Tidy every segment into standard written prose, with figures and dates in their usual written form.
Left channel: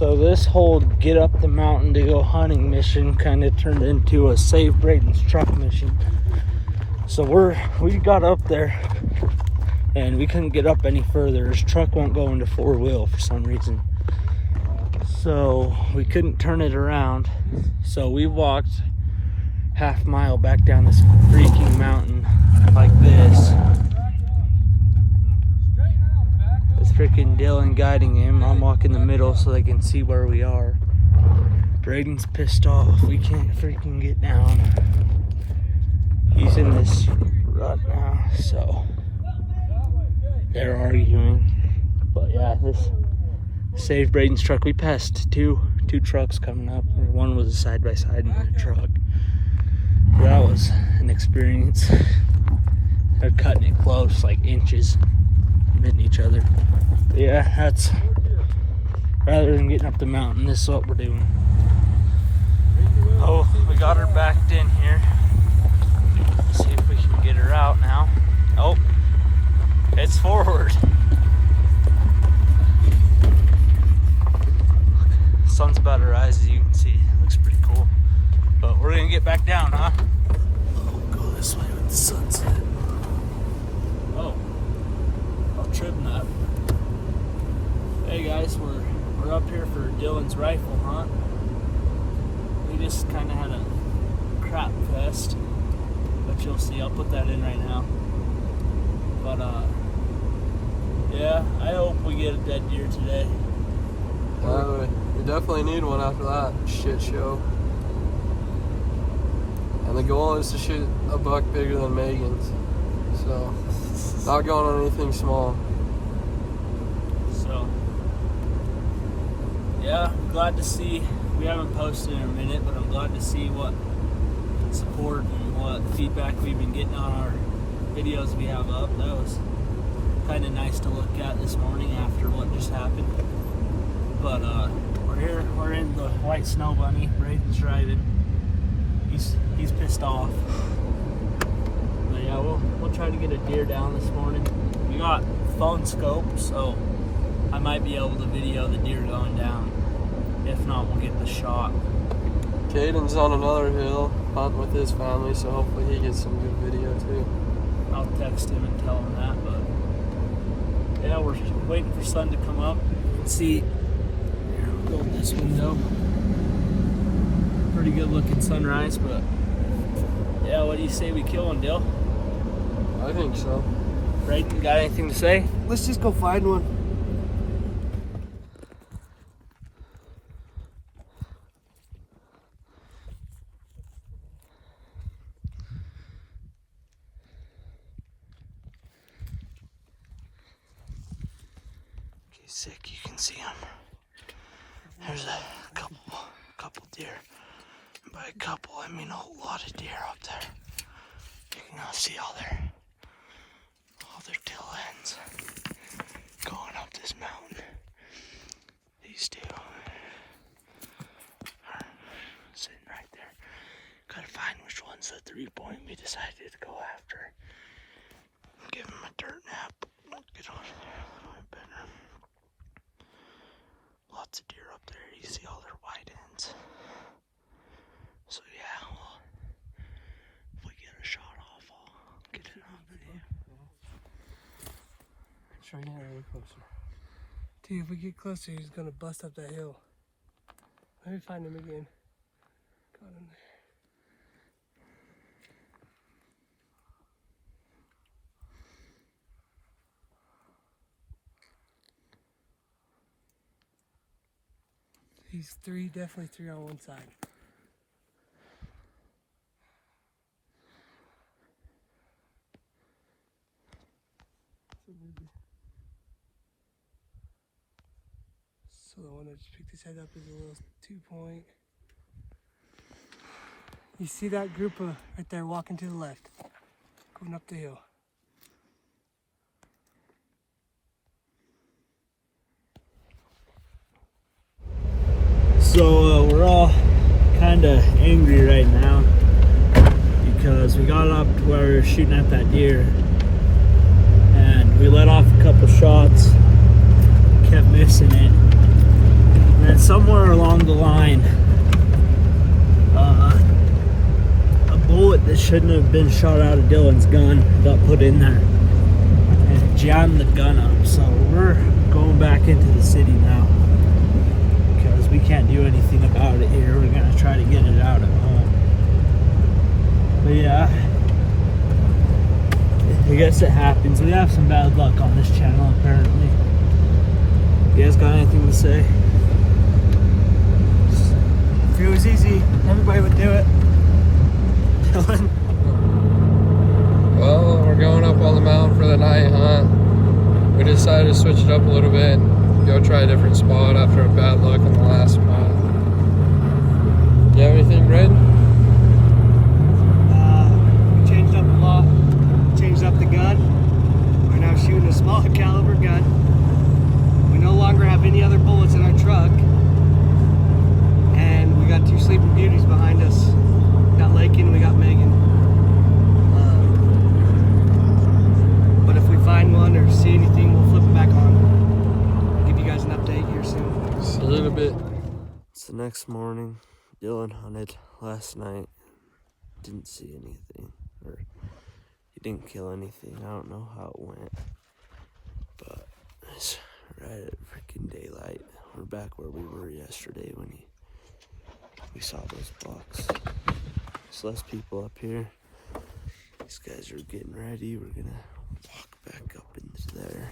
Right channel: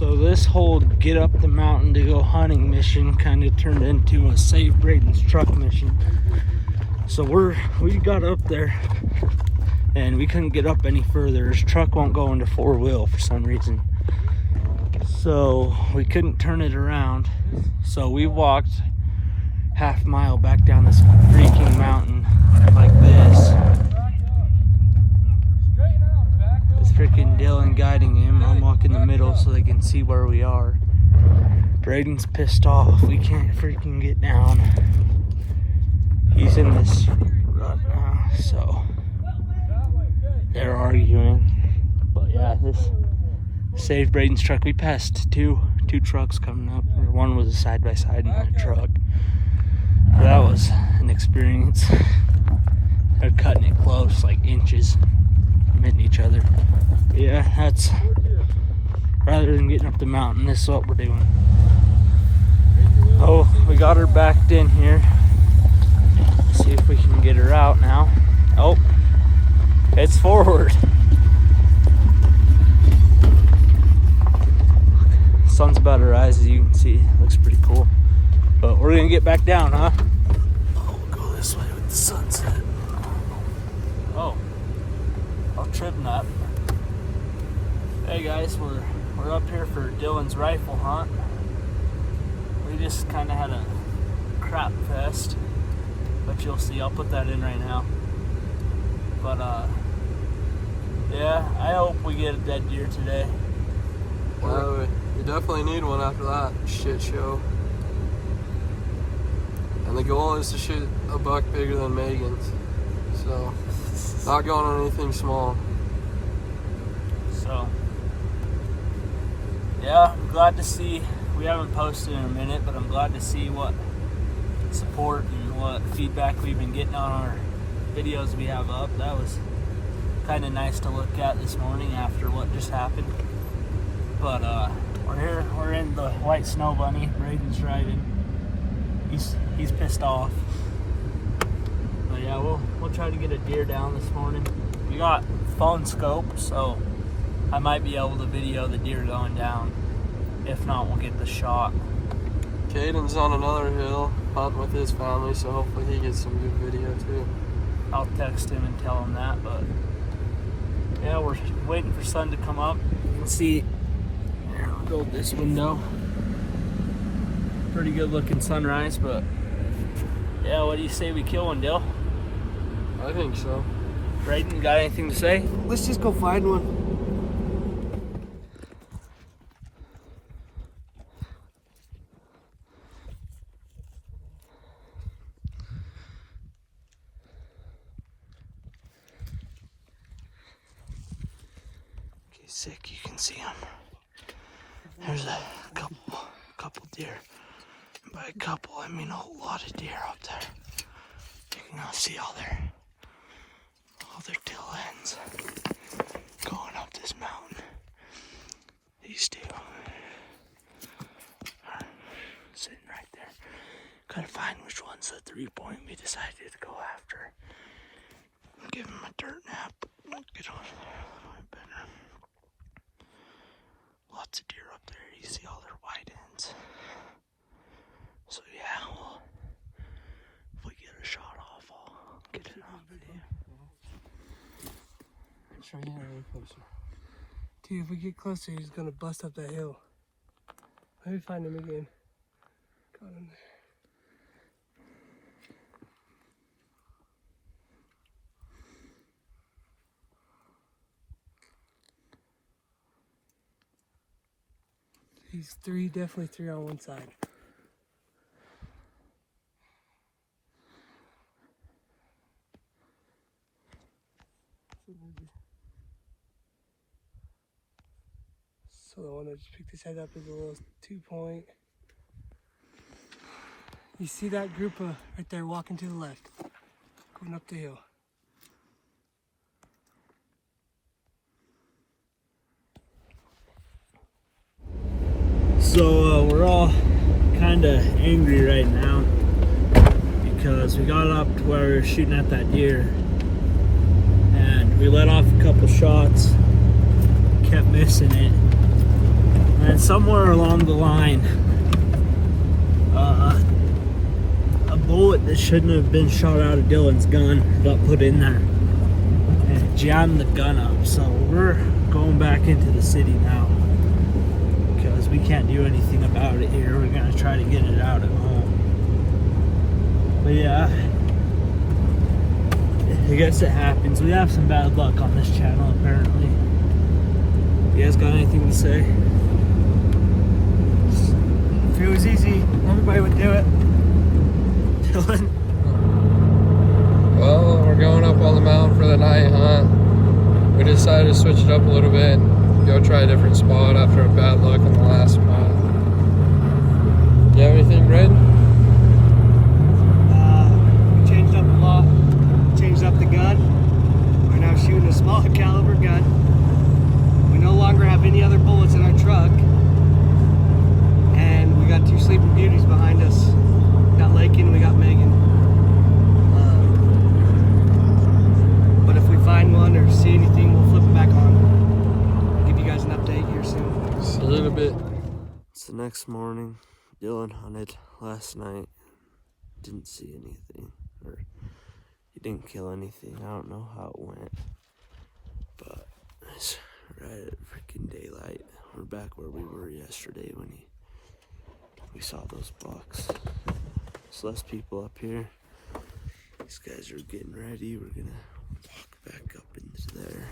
So this whole get up the mountain to go hunting mission kind of turned into a save Braden's truck mission. So we got up there and we couldn't get up any further. His truck won't go into 4-wheel for some reason. So we couldn't turn it around. So we walked half mile back down this freaking mountain like this. It's freaking Dylan guiding him. I'm walking the middle so they can see where we are. Braden's pissed off. We can't freaking get down. He's in this rut now, so they're arguing. But yeah, this saved Braden's truck. We passed two trucks coming up. One was a side-by-side and a truck. So that was an experience. They're cutting it close, like inches, hitting each other. But yeah, that's rather than getting up the mountain, this is what we're doing. Oh, we got her backed in here. Let's see if we can get her out now. Oh, it's forward. Sun's about to rise, as you can see. It looks pretty cool. But we're gonna get back down, huh? Oh, we'll go this way with the sunset. Oh, trip nut. Hey guys, we're up here for Dylan's rifle hunt. We just kind of had a crap fest, but you'll see. I'll put that in right now. But yeah, I hope we get a dead deer today. We definitely need one after that shit show. And the goal is to shoot a buck bigger than Megan's. So, not going on anything small. So, yeah, I'm glad to see, we haven't posted in a minute, but I'm glad to see what support and what feedback we've been getting on our videos we have up. That was kind of nice to look at this morning after what just happened. But we're here, we're in the White Snow Bunny. Braden's riding. He's pissed off. But yeah, we'll try to get a deer down this morning. We got phone scope, so I might be able to video the deer going down. If not, we'll get the shot. Caden's on another hill hunting with his family, so hopefully he gets some good video too. I'll text him and tell him that. But yeah, we're waiting for sun to come up. Let's see. Go with this window. Pretty good looking sunrise, but yeah, what do you say we kill one, Dill? I think so. Braden, got anything to say? Let's just go find one. Okay, sick, you can see him. There's a couple deer. By a couple, I mean a whole lot of deer up there. You can see all their tail ends going up this mountain. These two are sitting right there. Gotta find which one's the 3-point we decided to go after. Give him a dirt nap. Get on there a little bit better. Lots of deer up there. You see all their white ends. So yeah, if we get a shot off, I'll get it on video. Try to get a little closer. Dude, if we get closer, he's gonna bust up that hill. Let me find him again. Got him there. He's definitely three on one side. So the one that just picked his head up is a little 2-point. You see that group right there walking to the left, going up the hill. So we're all kind of angry right now because we got up to where we were shooting at that deer and we let off a couple shots, kept missing it, And then somewhere along the line, a bullet that shouldn't have been shot out of Dylan's gun got put in there and jammed the gun up. So we're going back into the city now because we can't do anything about it here. We're gonna try to get it out at home. But yeah, I guess it happens. We have some bad luck on this channel apparently. You guys got anything to say? If it was easy, everybody would do it. Dylan? Well, we're going up on the mountain for the night hunt. We decided to switch it up a little bit and go try a different spot after a bad luck on the last spot. You have anything, Red? We changed up a lot. Changed up the gun. We're now shooting a small caliber gun. We no longer have any other bullets in our truck. And we got 2 Sleeping Beauties behind us. We got Lakin and we got Megan. But if we find one or see anything, we'll flip it back on. Give you guys an update here soon. See you in a bit. It's the next morning. Dylan hunted last night. Didn't see anything. Or he didn't kill anything. I don't know how it went. But it's right at freaking daylight. We're back where we were yesterday when we saw those bucks. There's less people up here. These guys are getting ready. We're gonna walk back up into there.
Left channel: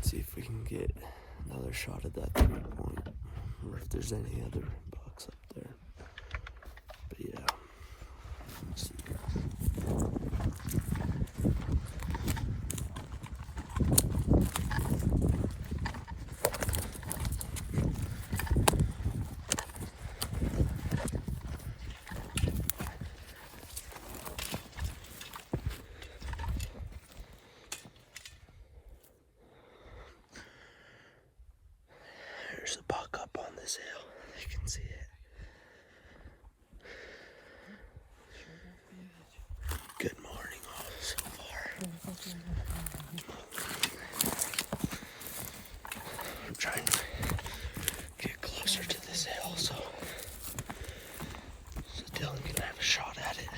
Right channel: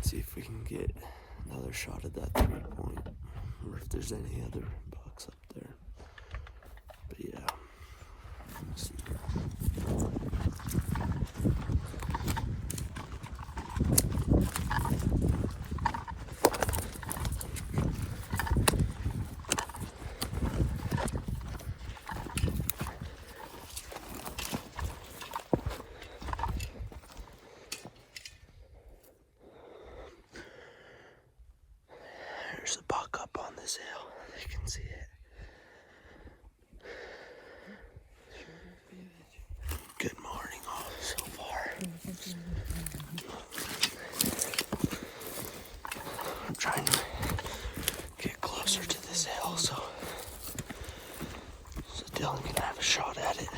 See if we can get another shot at that 3-point. Or if there's any other bucks up there. But yeah. Let's see. There's a buck up on this hill. You can see it. Good morning all so far. I'm trying to get closer to this hill so Dylan can have a shot at it.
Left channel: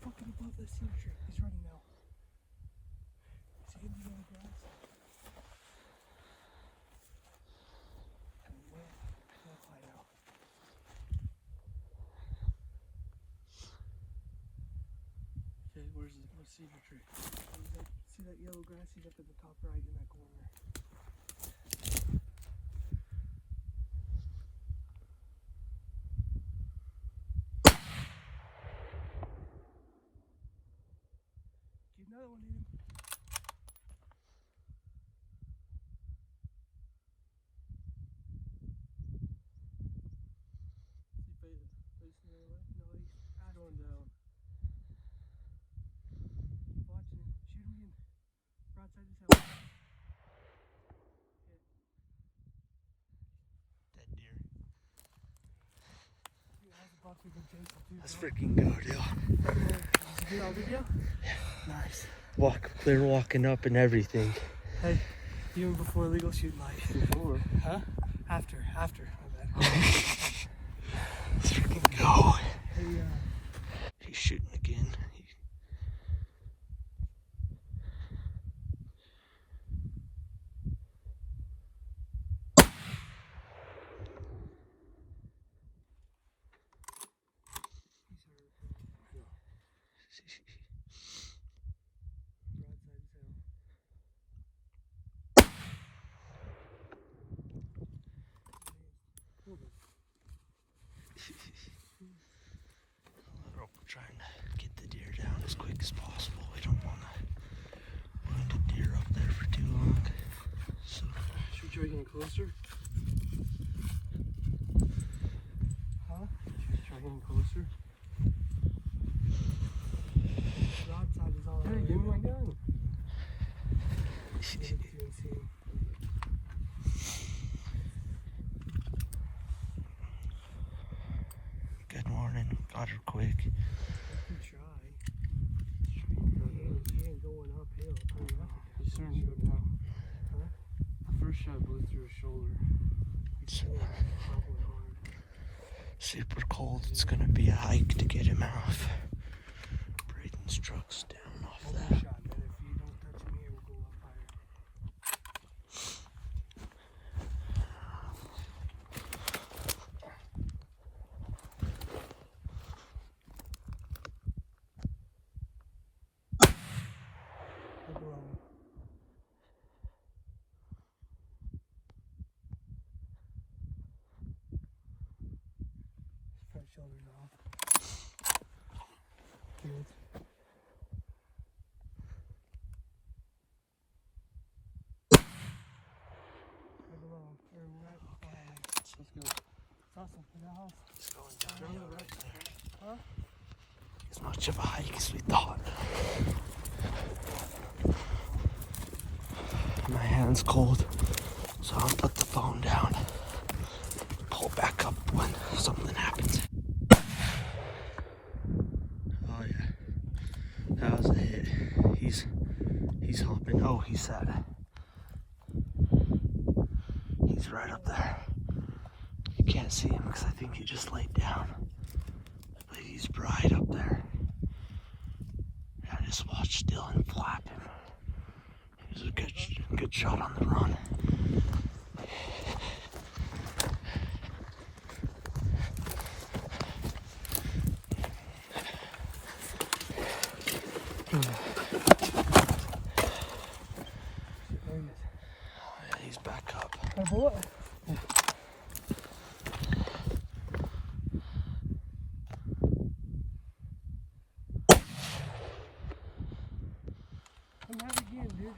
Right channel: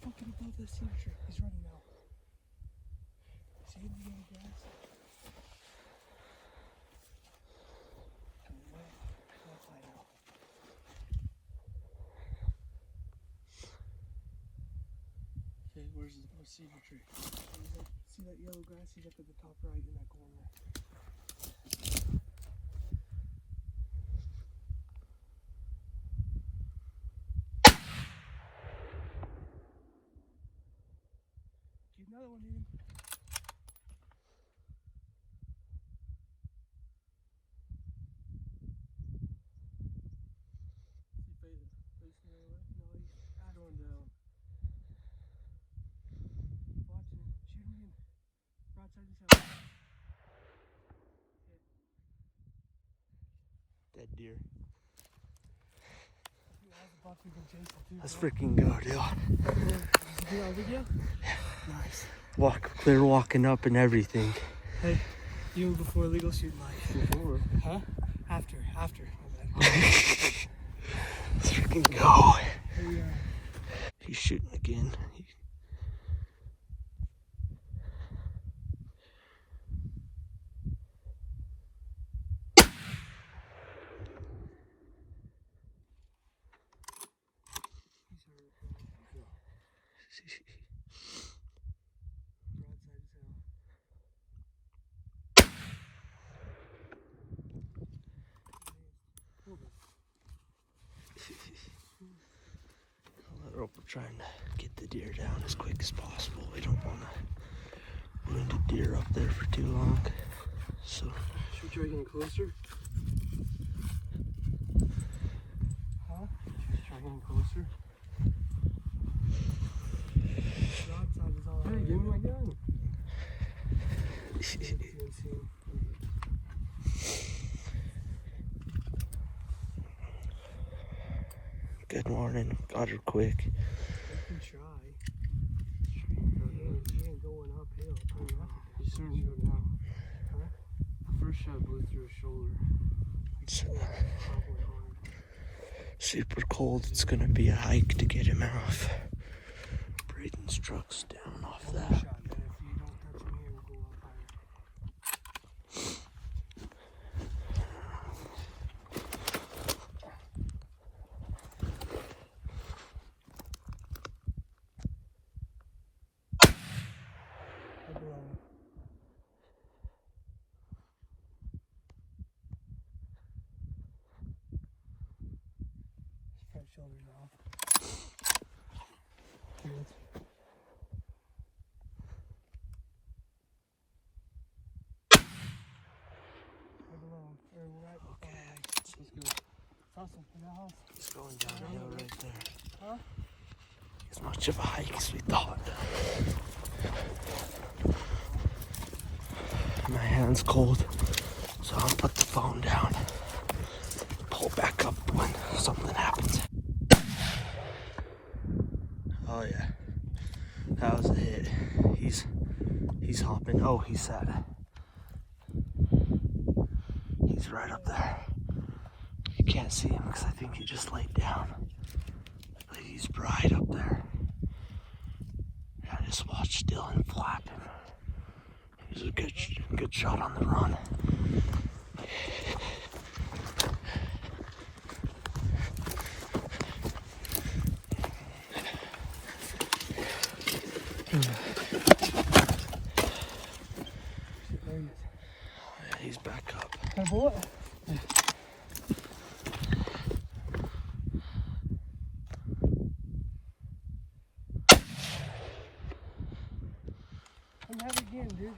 Fucking above this here. He's running now. See him in the grass? Coming way high now. Okay, where's the cedar tree? See that yellow grass? He's up at the top right in that corner. Get another one, dude. Facing the left? No, he's going down. Watch him. Shoot him in. Broadside his house. Dead deer. That's Let's freaking go, Dylan. video? Nice. Look, they're walking up and everything. Hey, even before legal shooting life. Before. Huh? After. Let's freaking go. Hey, He's shooting again. We're trying to get the deer down as quick as possible. We don't want to wound a deer up there for too long. So should we try getting closer? getting closer. Broadside is all Hey, right. give me my gun. Good morning. Got her quick. You can try. He ain't going uphill. He's starting to go down. Huh? The first shot blew through his shoulder. It's Probably hard. super cold. It's gonna be a hike to get him off. Braden's truck's down off Shot, that. but if you don't touch him here, we'll go up higher. Go below. Front shoulders off. Good. Go below. Or right. Okay, Let's go. Awesome. In that house. it's going downhill right there. Huh? As much of a hike as we thought. My hand's cold, so I'll put the phone down. Pull back up when something happens. Oh yeah, that was a hit. He's hopping. Oh, he's sad. He's right up there. You can't see him because I think he just laid down. But he's right up there. I just watched Dylan flap him. He's a good shot on the run. There he is. Yeah, he's back up. Hey, bullet. Come at it again, dude.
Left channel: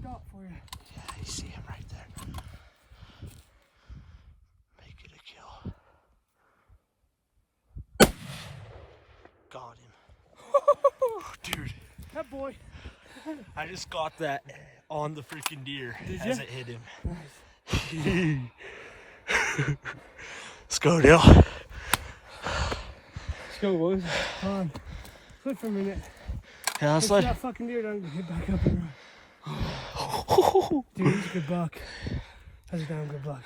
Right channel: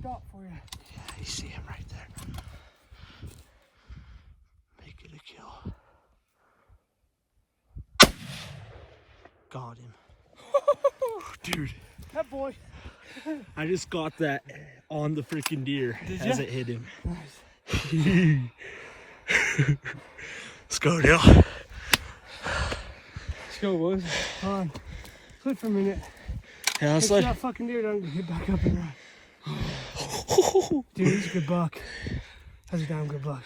Stop for you. Yeah, you see him right there. Make it a kill. Got him. Dude, That boy. I just got that on the freaking deer as it hit him. Let's go, Dale. Let's go, boys. Hold on. Flip for a minute. Yeah, Let's let's that fucking deer down and get back up and run. Dude, he's a good buck. That's a damn good buck.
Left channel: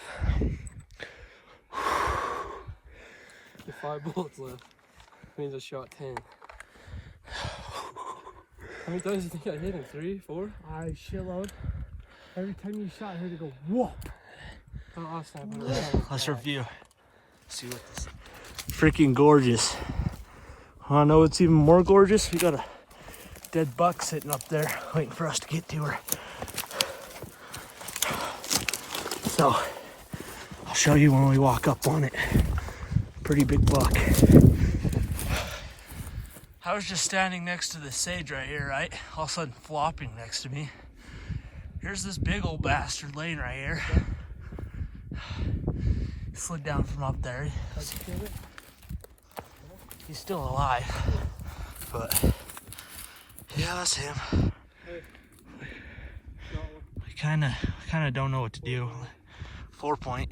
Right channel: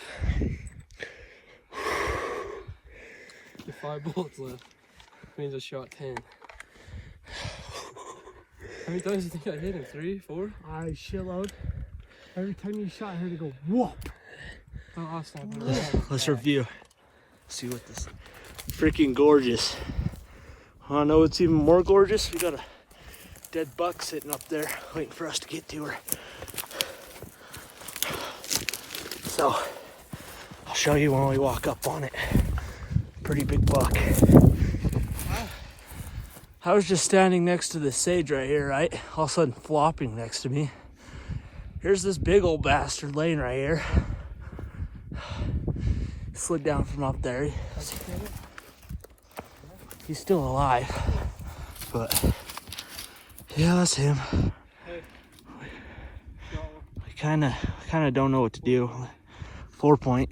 The 5 bullets left. Means I shot 10. How many times do you think I hit him? 3, 4? I shitload. Every time you shot, I heard it go whoop. Oh, I'll snap it. Let's review. See what this freaking gorgeous. Wanna know what's even more gorgeous? We got a dead buck sitting up there waiting for us to get to her. So I'll show you when we walk up on it. Pretty big buck. I was just standing next to this sage right here, right? All of a sudden flopping next to me. Here's this big old bastard laying right here. He slid down from up there. He's still alive. But yeah, that's him. We kinda don't know what to do. 4 point.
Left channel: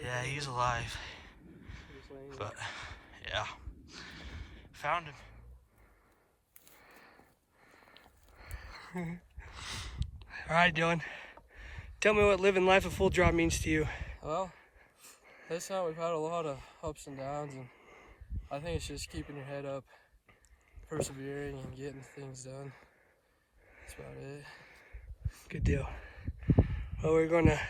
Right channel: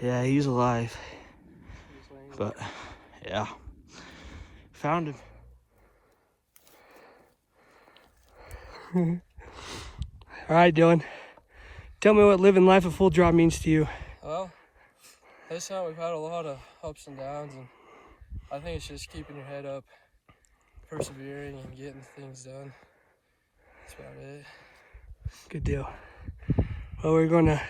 Yeah, he's alive. But yeah, found him. All right, Dylan. Tell me what living life at full draw means to you. Well, this time we've had a lot of ups and downs, and I think it's just keeping your head up, persevering, and getting things done. That's about it. Good deal. Well, we're going to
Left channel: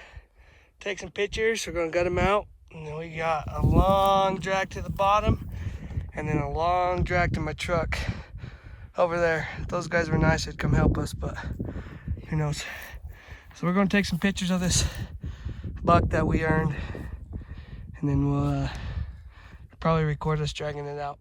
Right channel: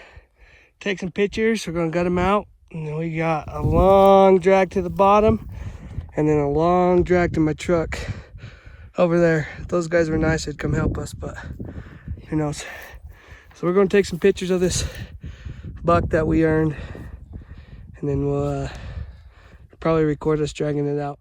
take some pictures. We're going to gut them out. And then we got a long drag to the bottom and then a long drag to my truck over there. If those guys were nice, they'd come help us, but who knows. So we're going to take some pictures of this buck that we earned, and then we'll probably record us dragging it out.